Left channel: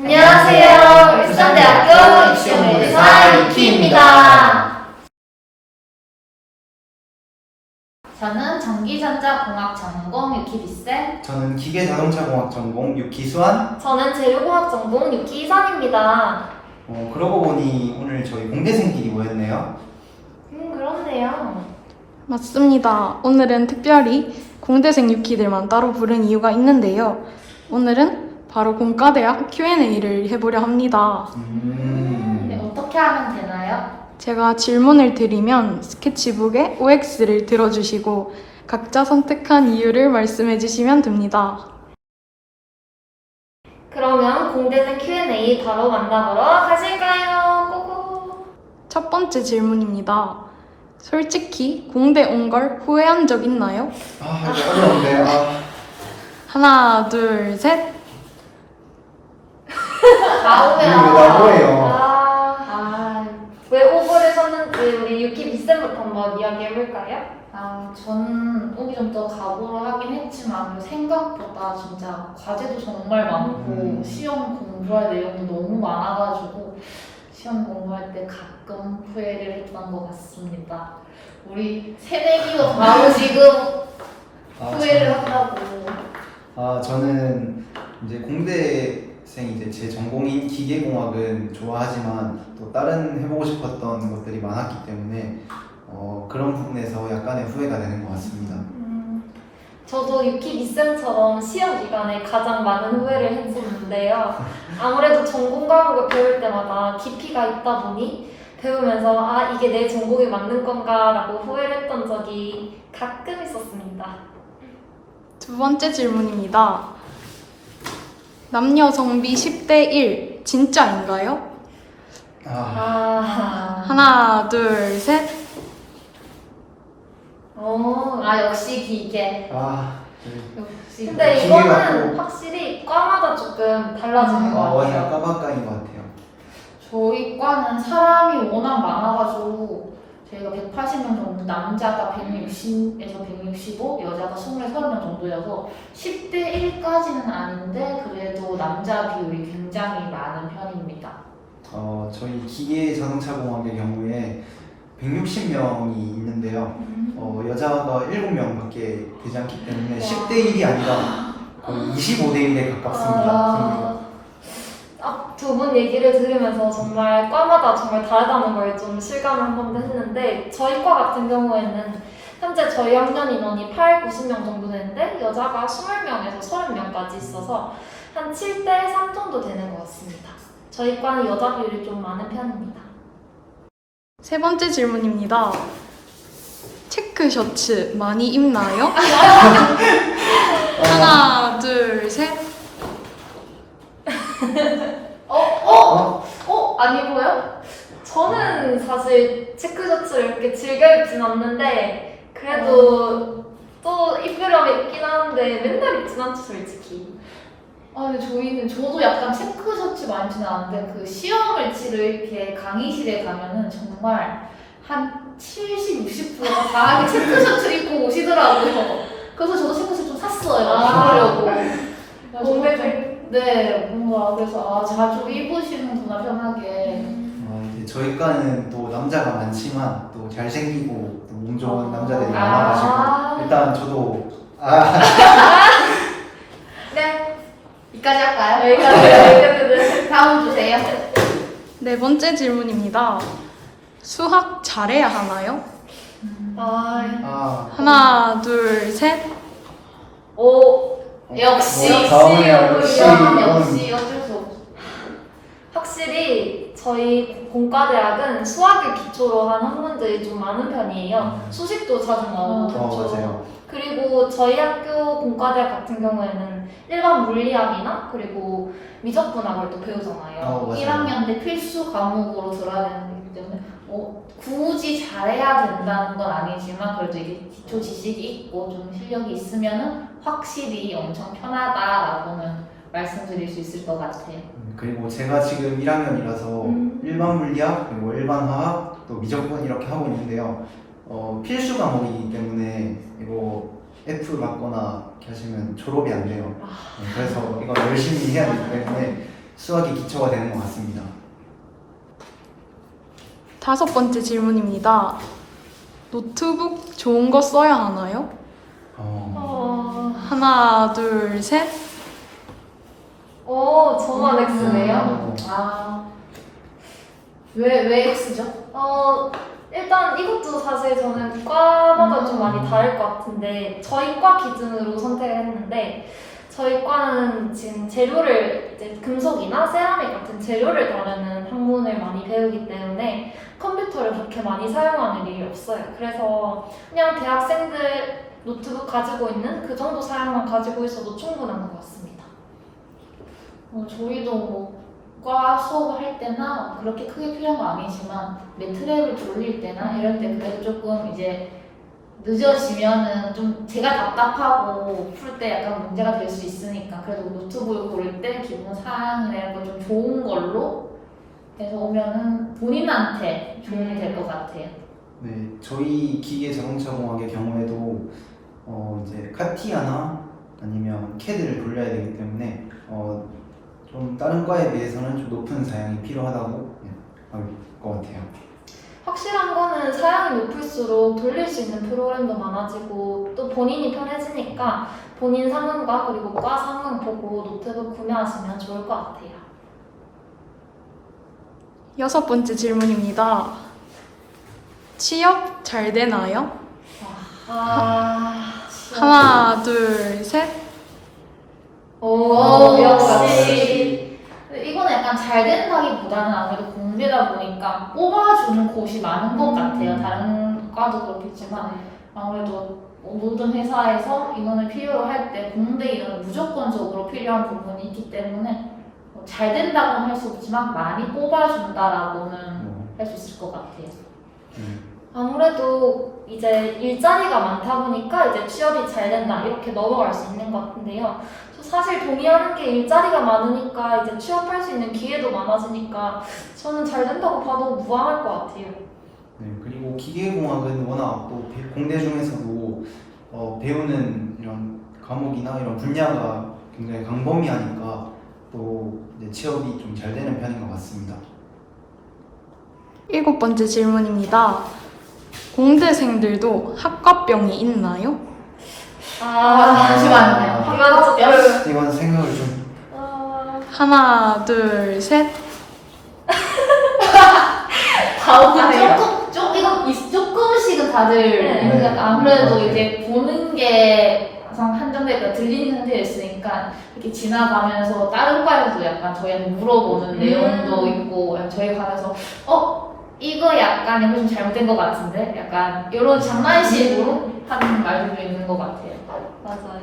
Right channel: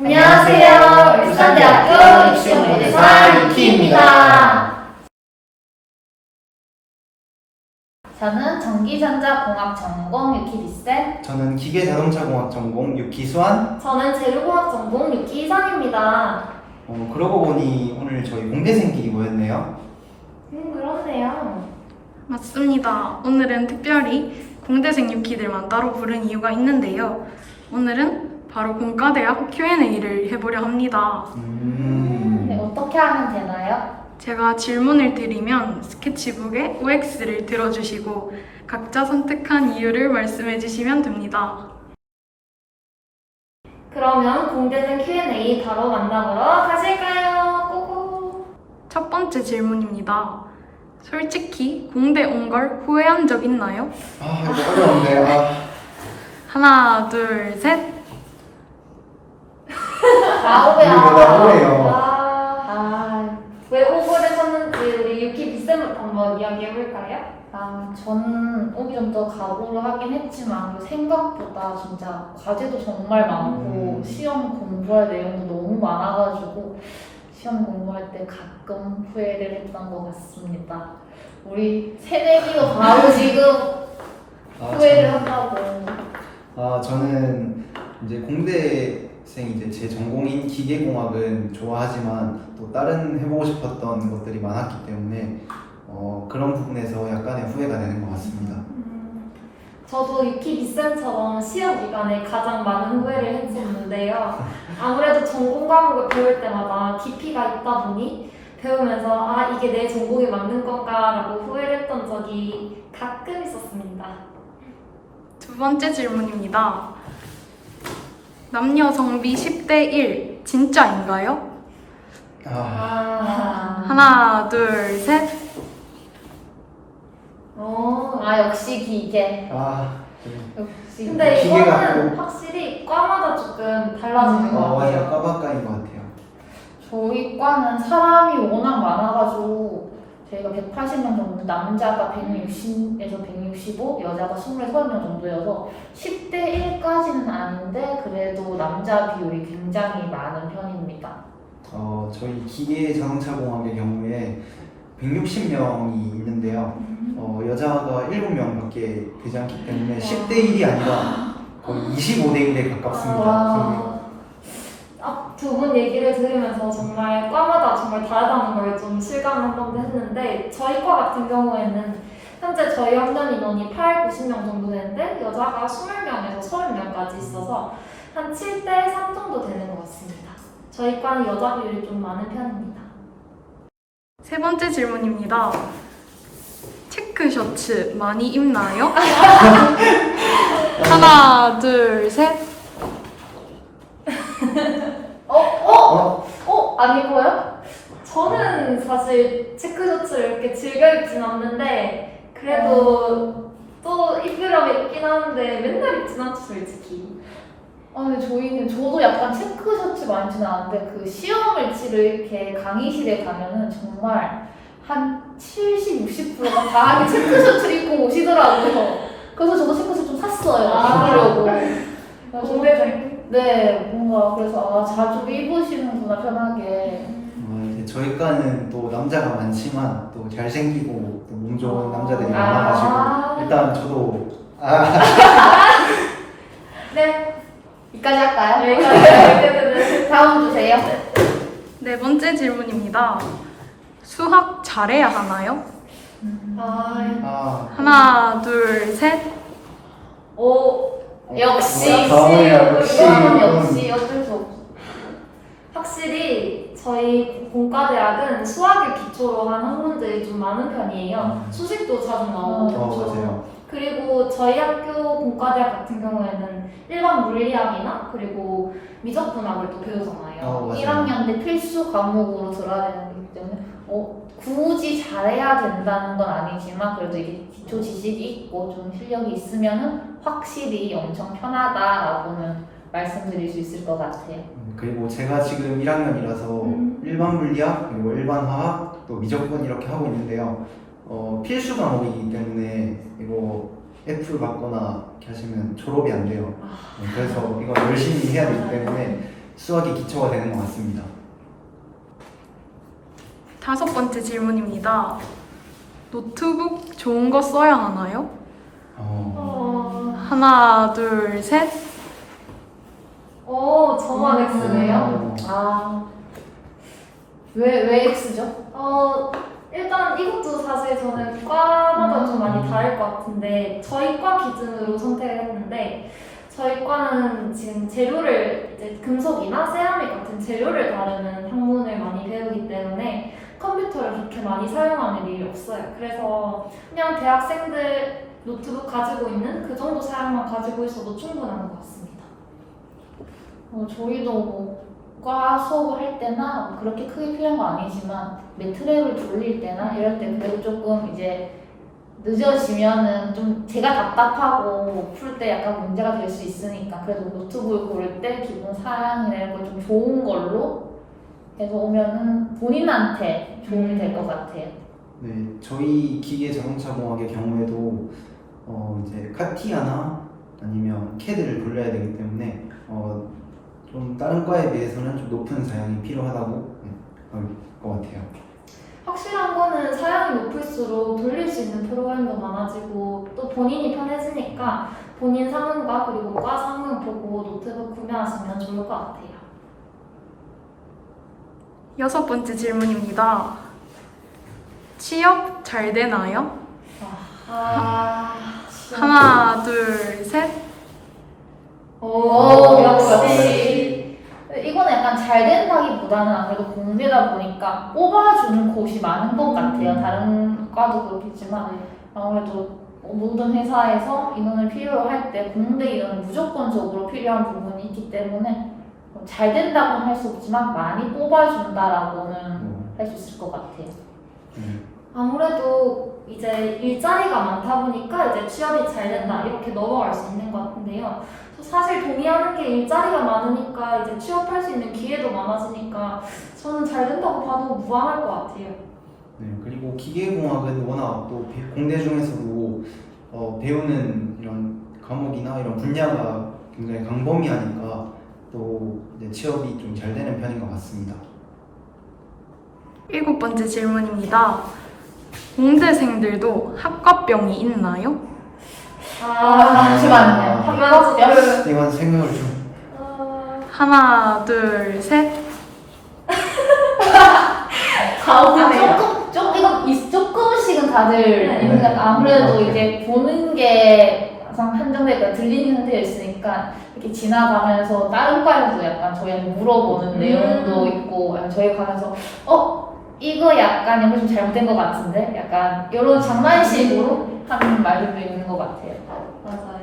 안녕하세요. 울산대학교 입시연구대사 유키입니다. 저는 전기전자공학 전공 유키비쌤. 저는 기계자동차공학 전공 유기수환. 저는 재료공학 전공 유키 이상입니다. 어, 그러고 보니 오늘 저희 공대생끼리 모였네요. 음, 그렇네요. 맞습니다. 오늘은 특별히 공대생 유키들만 따로 부른 이유가 있는데요. 오늘은 바로 공과대학 Q&A를 해보려 합니다. 네, 음. 어떻게 하면 되나요? 제가 질문을 드리면 스케치북에 OX를 들어주시고 각자 선택한 이유를 말씀해 주시면 됩니다. 그러면 공대생 Q&A 바로 만나보러 가실까요? 고고. 첫 번째 질문입니다. 솔직히 공대 온 걸 후회한 적 있나요? 아, 이거 어려운데. 아, 하나, 둘, 셋. 다오야. 이거 나 뭐예요? 아, 왜 오버를 섰는지 우리 유키 비쌤부터 한번 이야기해볼까요? 아, 전 오기 전부터 각오를 하긴 했지만 생각보다 진짜 과제도 정말 많고 음. 시험 공부할 내용도 너무 많아가지고 시험 공부할 때 가끔 후회를 했던 것 같습니다. 우리 새내기도 바로 지금 아, 후회를 저는- 한다고. 아, 저는 이제 공대 생 이제 제 전공인 기계공학은 좋아하지만 또 다른 해보고 싶었던 것들이 많았기 때문에 어, 그런 부분에서 약간의 후회가 되는 것 같습니다. 음, 저도 유키 비쌤처럼 시험 기간에 가장 많은 후회를 했었는데요. 아무래도 전공 과목을 배울 때마다 깊이가 있다 보니 배우면서 아 이게 내 전공이 맞는 건가라고 후회를 했던 적이 가끔 있었습니다. 두 번째 질문입니다. 남녀 정비 10대 1 진짜인가요? 아, 아, 하나, 둘, 셋. 어, 아 역시 기계. 아, 네. 역시. 근데 이거는 확실히 과마다 조금 달라지는 것 아, 같아요. 완전 까마까인 것 같아요. 저희 과는 사람이 워낙 많아가지고 저희가 180명 정도 남자가 160에서 165 여자가 20, 30명 정도여서 10대 1까지는 아닌데 그래도 남자 비율이 굉장히 많은 편입니다 어, 저희 기계 자동차공학의 경우에 160명이 있는데요. 어, 여자가 7명밖에 되지 않기 때문에 10대 1이 아니라 거의 25대 1에 가깝습니다. 와. 아, 두분 얘기를 들으면서 정말 과마다 정말 다르다는 걸 좀 실감을 한 번 했는데 저희 과 같은 경우에는 현재 저희 학년 인원이 8, 90명 정도 되는데 여자가 20명에서 30명까지 있어서 한 7대 3 정도 되는 것 같습니다. 저희 과는 여자 비율이 좀 많은 편입니다. 세 번째 질문입니다. 체크 셔츠 많이 입나요? 하나, 둘, 셋. 안 입어요? 저는 사실 체크 셔츠를 이렇게 즐겨 입진 않는데 그래도 또 입으려면 입긴 하는데 맨날 입진 않죠 솔직히. 아, 근데 저희는 저도 약간 체크 셔츠 많이 입지는 않는데 그 시험을 치러 이렇게 강의실에 가면은 정말 한 70, 60%가 다 체크 셔츠를 입고 오시더라고요. 그래서 저도 체크 셔츠 좀 샀어요. 아. 입으려고. 공대생 공대생 네, 뭔가 그래서 아, 자주 입으시는구나 편하게. 어, 이제 저희 과는 또 남자가 많지만 또 잘생기고 또 몸 좋은 남자들이 아. 많아가지고 일단 저도 아, 네, 여기까지 할까요? 네, 여기까지. 다음 주세요. 네 번째 질문입니다. 수학 잘해야 하나요? 아, 아 하나, 둘, 셋. 오 역시, 뭐야, 다음에야 역시 이거는 이건- 역시 어쩔 수 없어. 확실히 저희 공과대학은 수학을 기초로 한 학문들이 좀 많은 편이에요. 음. 수식도 자주 나오고 어, 그렇죠. 맞아요. 그리고 저희 학교 공과대학 같은 경우에는 일반 물리학이나 그리고 미적분학을 또 배우잖아요. 어, 맞아요. 1학년 때 필수 과목으로 들어야 되는 거기 때문에 어, 굳이 잘해야 된다는 건 아니지만 그래도 이게 기초 지식이 있고 좀 실력이 있으면은 확실히 엄청 편하다라고는 말씀드릴 수 있을 것 같아요. 음, 그리고 제가 지금 1학년이라서 음. 일반 물리학 그리고 일반 화학 또 미적분 이렇게 하고 있는데요. 어, 필수 과목이기 때문에 이거 F 받거나 하시면 졸업이 안 돼요. 네, 그래서 이거 열심히 해야 되기 때문에 수학의 기초가 되는 것 같습니다. 다섯 번째 질문입니다. 노트북 좋은 거 써야 하나요? 어, 어, 하나, 둘, 셋. 어 저만 X네요. 음. 아. 왜, 왜 X죠? 어, 일단 이것도 사실 저는 과마다 좀 많이 음. 다를 것 같은데 저희 과 기준으로 선택을 했는데 저희 과는 지금 재료를 이제 금속이나 세라믹 같은 재료를 다루는 학문을 많이 배우기 때문에 컴퓨터를 그렇게 많이 사용하는 일이 없어요. 그래서 그냥 대학생들 노트북 가지고 있는 그 정도 사양만 가지고 있어도 충분한 것 같습니다. 어, 저희도 뭐, 과 수업을 할 때나 그렇게 크게 필요한 거 아니지만 매트랩을 돌릴 때나 이럴 때 그래도 조금 이제 늦어지면은 좀 제가 답답하고 풀 때 약간 문제가 될 수 있으니까 그래도 노트북을 고를 때 기본 사양이나 이런 거좀 좋은 걸로 해서 오면은 본인한테 도움이 될 것 같아요. 네, 저희 기계 자동차 공학의 경우에도 어, 이제 카티아나 아니면 캐드를 돌려야 되기 때문에 어, 좀 다른 과에 비해서는 좀 높은 사양이 필요하다고 네, 할것 같아요. 확실한 거는 사양이 높을수록 돌릴 수 있는 프로그램도 많아지고 또 본인이 편해지니까 본인 상황과 그리고 과 상황 보고 노트북 구매하시면 좋을 것 같아요. 여섯 번째 질문입니다. 취업 잘 되나요? 아, 하나, 둘, 셋. 오, 오, 역시. 근데 이거는 약간 잘 된다기보다는 아무래도 공대다 보니까 뽑아주는 곳이 많은 것 같아요. 음. 다른 과도 그렇겠지만 아무래도 뭐 모든 회사에서 인원을 필요로 할 때 공대 인원은 무조건적으로 필요한 부분이 있기 때문에 뭐잘 된다고는 할 수 없지만 많이 뽑아준다라고는 어, 할수 있을 것 같아요. 음, 아무래도 이제 일자리가 많다 보니까 이제 취업이 잘 된다 이렇게 넘어갈 수 있는 것 같은데요. 저 사실 동의하는 게 일자리가 많으니까 이제 취업할 수 있는 기회도 많아지니까 저는 잘 된다고 봐도 무방할 것 같아요. 네, 그리고 기계공학은 워낙 또 배- 공대 중에서도 어, 배우는 이런 과목이나 이런 분야가 굉장히 광범위하니까 또 이제 취업이 좀 잘 되는 편인 것 같습니다. 일곱 번째 질문입니다. 공대생들도 학과병이 있나요? 아, 잠시만요. 한가지 이건 생각을 좀 어, 하나, 둘, 셋. 가혹하네요. 조금 좀 이거 이- 조금씩은 다들 네. 있는 것 같아요. 아무래도 네. 이제 보는 게 항상 한정되니까 들리는 상태가 있으니까 이렇게 지나가면서 다른 과에서도 약간 저희한테 물어보는 음. 내용도 있고 저희 과에서 어 이거 약간 여기 좀 잘못된 것 같은데 약간 이런 장난식으로 하는 말들도 있는 것 같아요. 맞아요.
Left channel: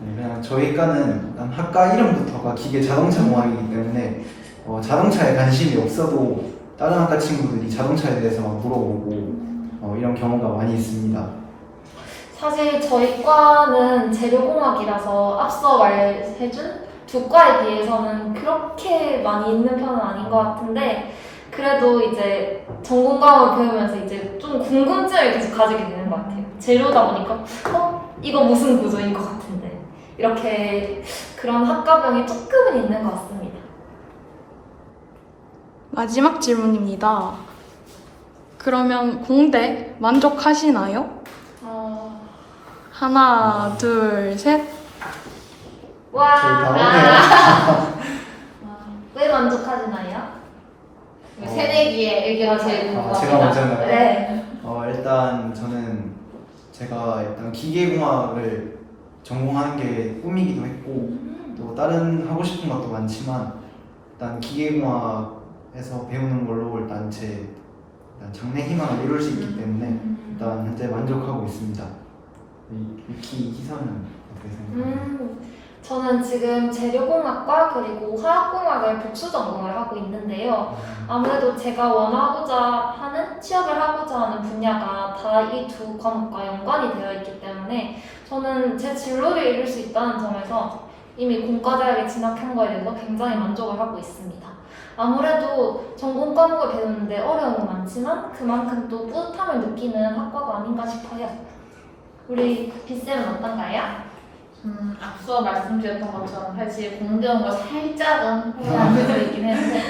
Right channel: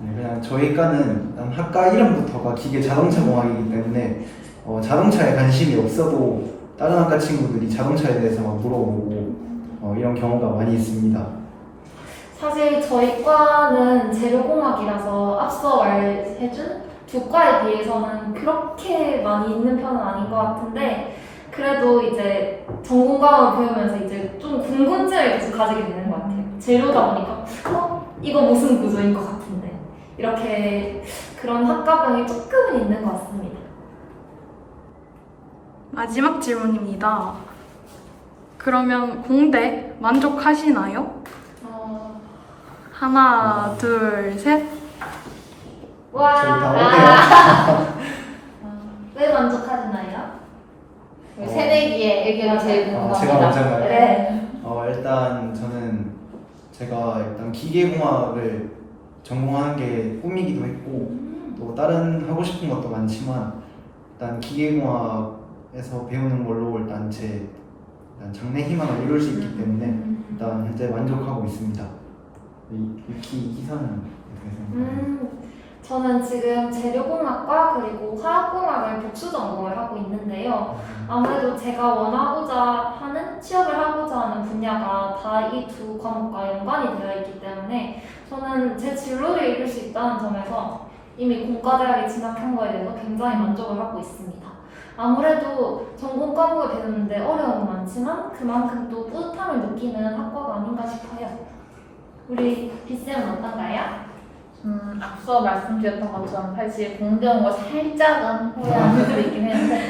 네, 그냥 저희 과는 일단 학과 이름부터가 기계 자동차 공학이기 때문에 어, 자동차에 관심이 없어도 다른 학과 친구들이 자동차에 대해서 막 물어보고 어, 이런 경우가 많이 있습니다. 사실 저희 과는 재료공학이라서 앞서 말해준 두 과에 비해서는 그렇게 많이 있는 편은 아닌 것 같은데 그래도 이제 전공 과목을 배우면서 이제 좀 궁금증을 계속 가지게 되는 것 같아요. 재료다 보니까 어 이거 무슨 구조인 것 같은데 이렇게 그런 학과병이 조금은 있는 것 같습니다. 마지막 질문입니다. 그러면 공대 만족하시나요? 어... 하나, 둘, 셋. 와, 저희 다 아, 왜 만족하시나요? 어. 새내기의 의견이 제일 아, 궁금합니다. 제가 먼저인가요? 네. 어, 일단 저는 제가 일단 기계공학을 전공하는 게 꿈이기도 했고 또 다른 하고 싶은 것도 많지만 일단 기계공학에서 배우는 걸로 일단 제 일단 장래 희망을 이룰 수 있기 때문에 일단 현재 만족하고 있습니다. 이 위키 희선은 어떻게 생각하나요? 음, 저는 지금 재료공학과 그리고 화학공학을 복수 전공을 하고 있는데요. 아무래도 제가 원하고자 하는 취업을 하고자 하는 분야가 다 이 두 과목과 연관이 되어 있기 때문에 저는 제 진로를 이룰 수 있다는 점에서 이미 공과대학에 진학한 거에 대해서 굉장히 만족을 하고 있습니다. 아무래도 전공 과목을 배우는데 어려움은 많지만 그만큼 또 뿌듯함을 느끼는 학과가 아닌가 싶어요. 우리 비쌤은 어떤가요? 음, 앞서 말씀드렸던 것처럼 사실 공대 온거 살짝은 후회하는 수 있긴 했는데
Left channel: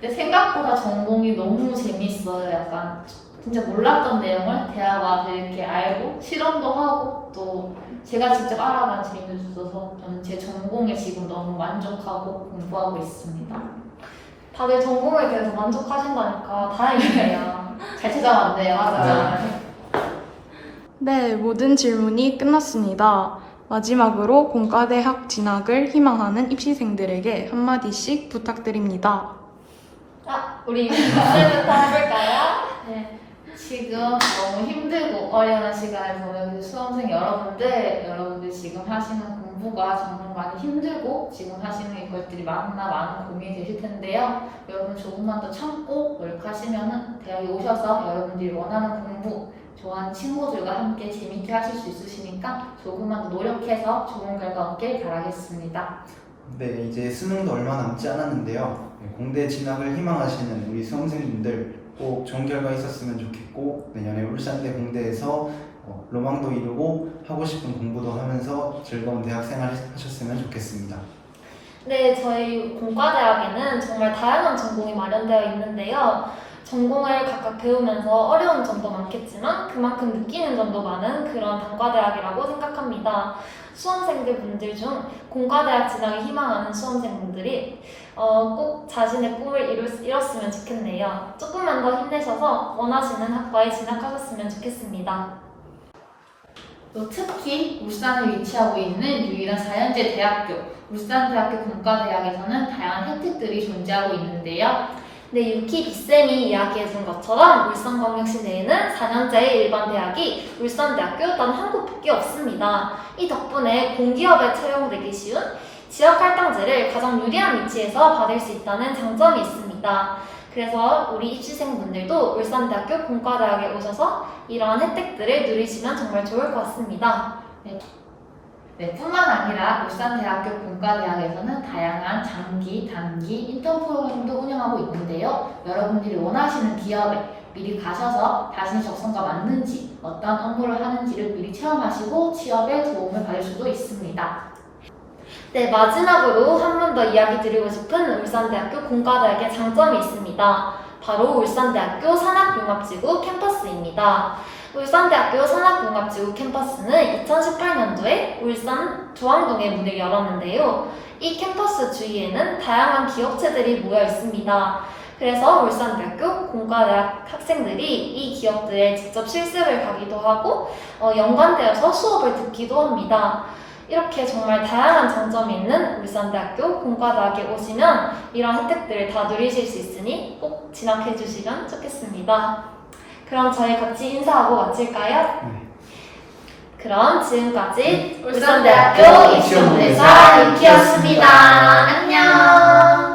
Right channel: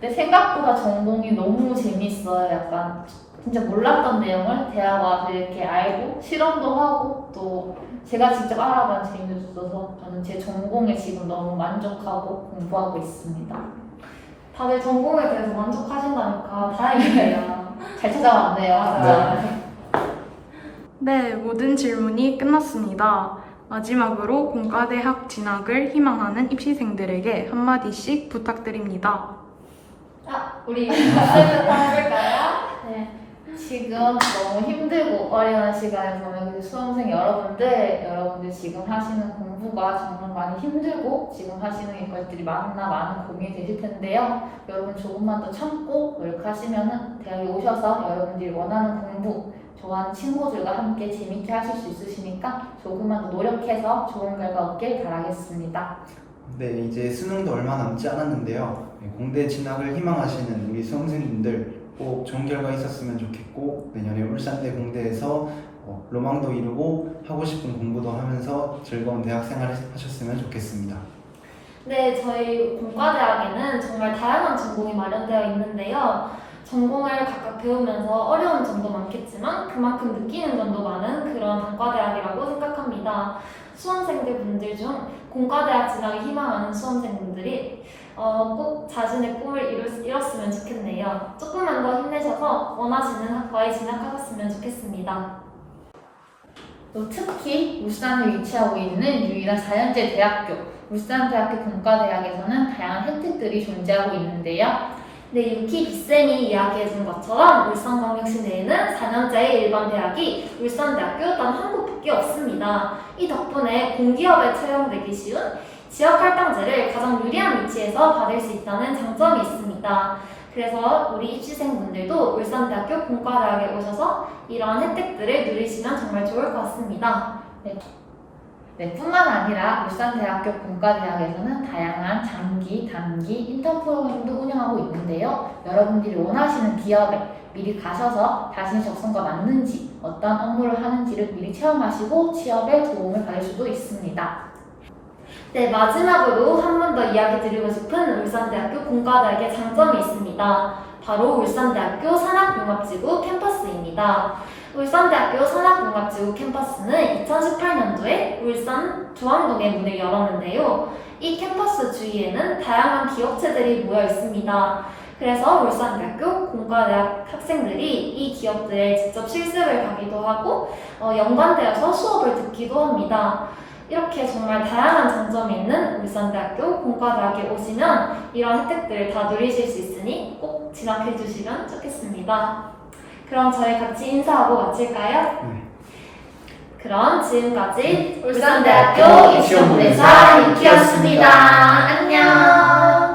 근데 생각보다 전공이 너무 재밌어요. 약간 진짜 몰랐던 내용을 대학 와서 이렇게 알고 실험도 하고 또 제가 직접 알아가는 재미도 있어서 저는 제 전공에 지금 너무 만족하고 공부하고 있습니다. 다들 전공에 대해서 만족하신다니까 다행이네요. 잘 찾아왔네요. 맞아요. 네, 모든 질문이 끝났습니다. 마지막으로 공과대학 진학을 희망하는 입시생들에게 한마디씩 부탁드립니다. 아, 우리 해볼까요? 네, 지금 너무 힘들고 어려운 시간을 보내고 계신 수험생 여러분들, 여러분들 지금 하시는 공부가 정말 많이 힘들고 지금 하시는 것들이 많나 많은 고민이 되실 텐데요. 여러분 조금만 더 참고 노력하시면은 대학에 오셔서 여러분들이 원하는 공부, 좋아하는 친구들과 함께 재밌게 하실 수 있으시니까 조금만 더 노력해서 좋은 결과 얻길 바라겠습니다. 네, 이제 수능도 얼마 남지 않았는데요. 네, 공대 진학을 희망하시는 우리 수험생분들 꼭 좋은 결과 있었으면 좋겠고 내년에 울산대 공대에서 어, 로망도 이루고 하고 싶은 공부도 하면서 즐거운 대학 생활 하셨으면 좋겠습니다. 네, 저희 공과대학에는 정말 다양한 전공이 마련되어 있는데요. 전공을 각각 배우면서 어려운 점도 많겠지만 그만큼 느끼는 점도 많은 그런 단과대학이라고 생각합니다. 수험생들 분들 중 공과대학 진학을 희망하는 수험생분들이 어, 꼭 자신의 꿈을 수- 이뤘으면 좋겠네요. 조금만 더 힘내셔서 원하시는 학과에 진학하셨으면 좋겠습니다. 또 특히 울산에 위치하고 있는 유일한 4년제 대학교 울산대학교 공과대학에서는 다양한 혜택들이 존재하고 있는데요. 네, 유키 빗쌤이 이야기해준 것처럼 울산광역시 내에는 4년제의 일반 대학이 울산대학교 단 한 곳밖에 없습니다. 이 덕분에 공기업에 채용되기 쉬운 지역 할당제를 가장 유리한 위치에서 받을 수 있다는 장점이 있습니다. 그래서 우리 입시생분들도 울산대학교 공과대학에 오셔서 이러한 혜택들을 누리시면 정말 좋을 것 같습니다. 네, 뿐만 아니라 울산대학교 공과대학에서는 다양한 장기, 단기 인턴 프로그램도 운영하고 있는데요. 여러분들이 원하시는 기업에 미리 가셔서 자신의 적성과 맞는지, 어떤 업무를 하는지를 미리 체험하시고 취업에 도움을 받을 수도 있습니다. 네, 마지막으로 한 번 더 이야기 드리고 싶은 울산대학교 공과대학의 장점이 있습니다. 바로 울산대학교 산학융합지구 캠퍼스입니다. 울산대학교 산학융합지구 캠퍼스는 2018년도에 울산 조항동에 문을 열었는데요. 이 캠퍼스 주위에는 다양한 기업체들이 모여 있습니다. 그래서 울산대학교 공과대학 학생들이 이 기업들에 직접 실습을 가기도 하고 어, 연관되어서 수업을 듣기도 합니다. 이렇게 정말 다양한 장점이 있는 울산대학교 공과대학에 오시면 이런 혜택들을 다 누리실 수 있으니 꼭 진학해 주시면 좋겠습니다. 그럼 저희 같이 인사하고 마칠까요? 네. 그럼 지금까지 네. 울산대학교 네. 입시원부에서 익히였습니다. 안녕.